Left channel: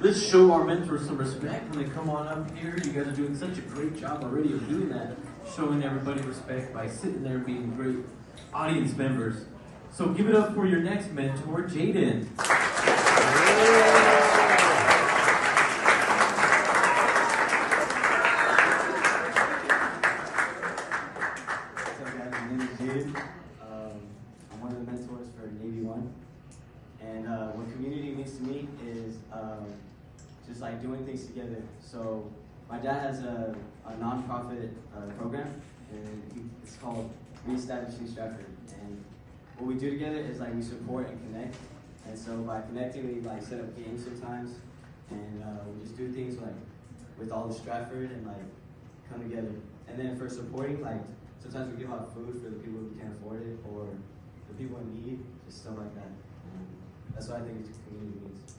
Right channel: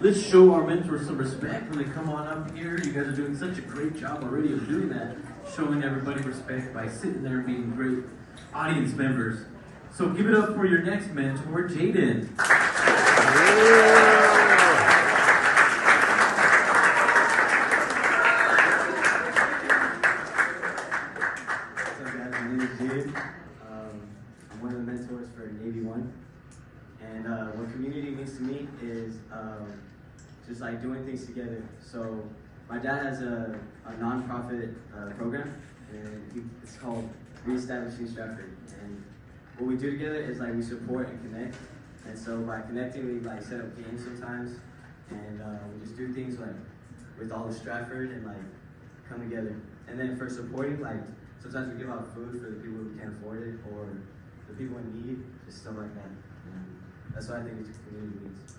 let's show our mentors some respect when they come on up here. You guys are doing such a great job already of doing that, showing everybody respect by sitting there being great audience members. So give it up for your next mentor, Jaden. I'm one of the mentors for Navy One, and what community means to me is just like doing things together. So my dad has a nonprofit program, and it's called Reestablishing Stratford. And what we do together is like we support and connect. And so by connecting, we like set up games sometimes, and we just do things like with all of Stratford and like come together. And then for supporting, like sometimes we give out food for the people who can't afford it or the people in need, just stuff like that. And that's what I think community means.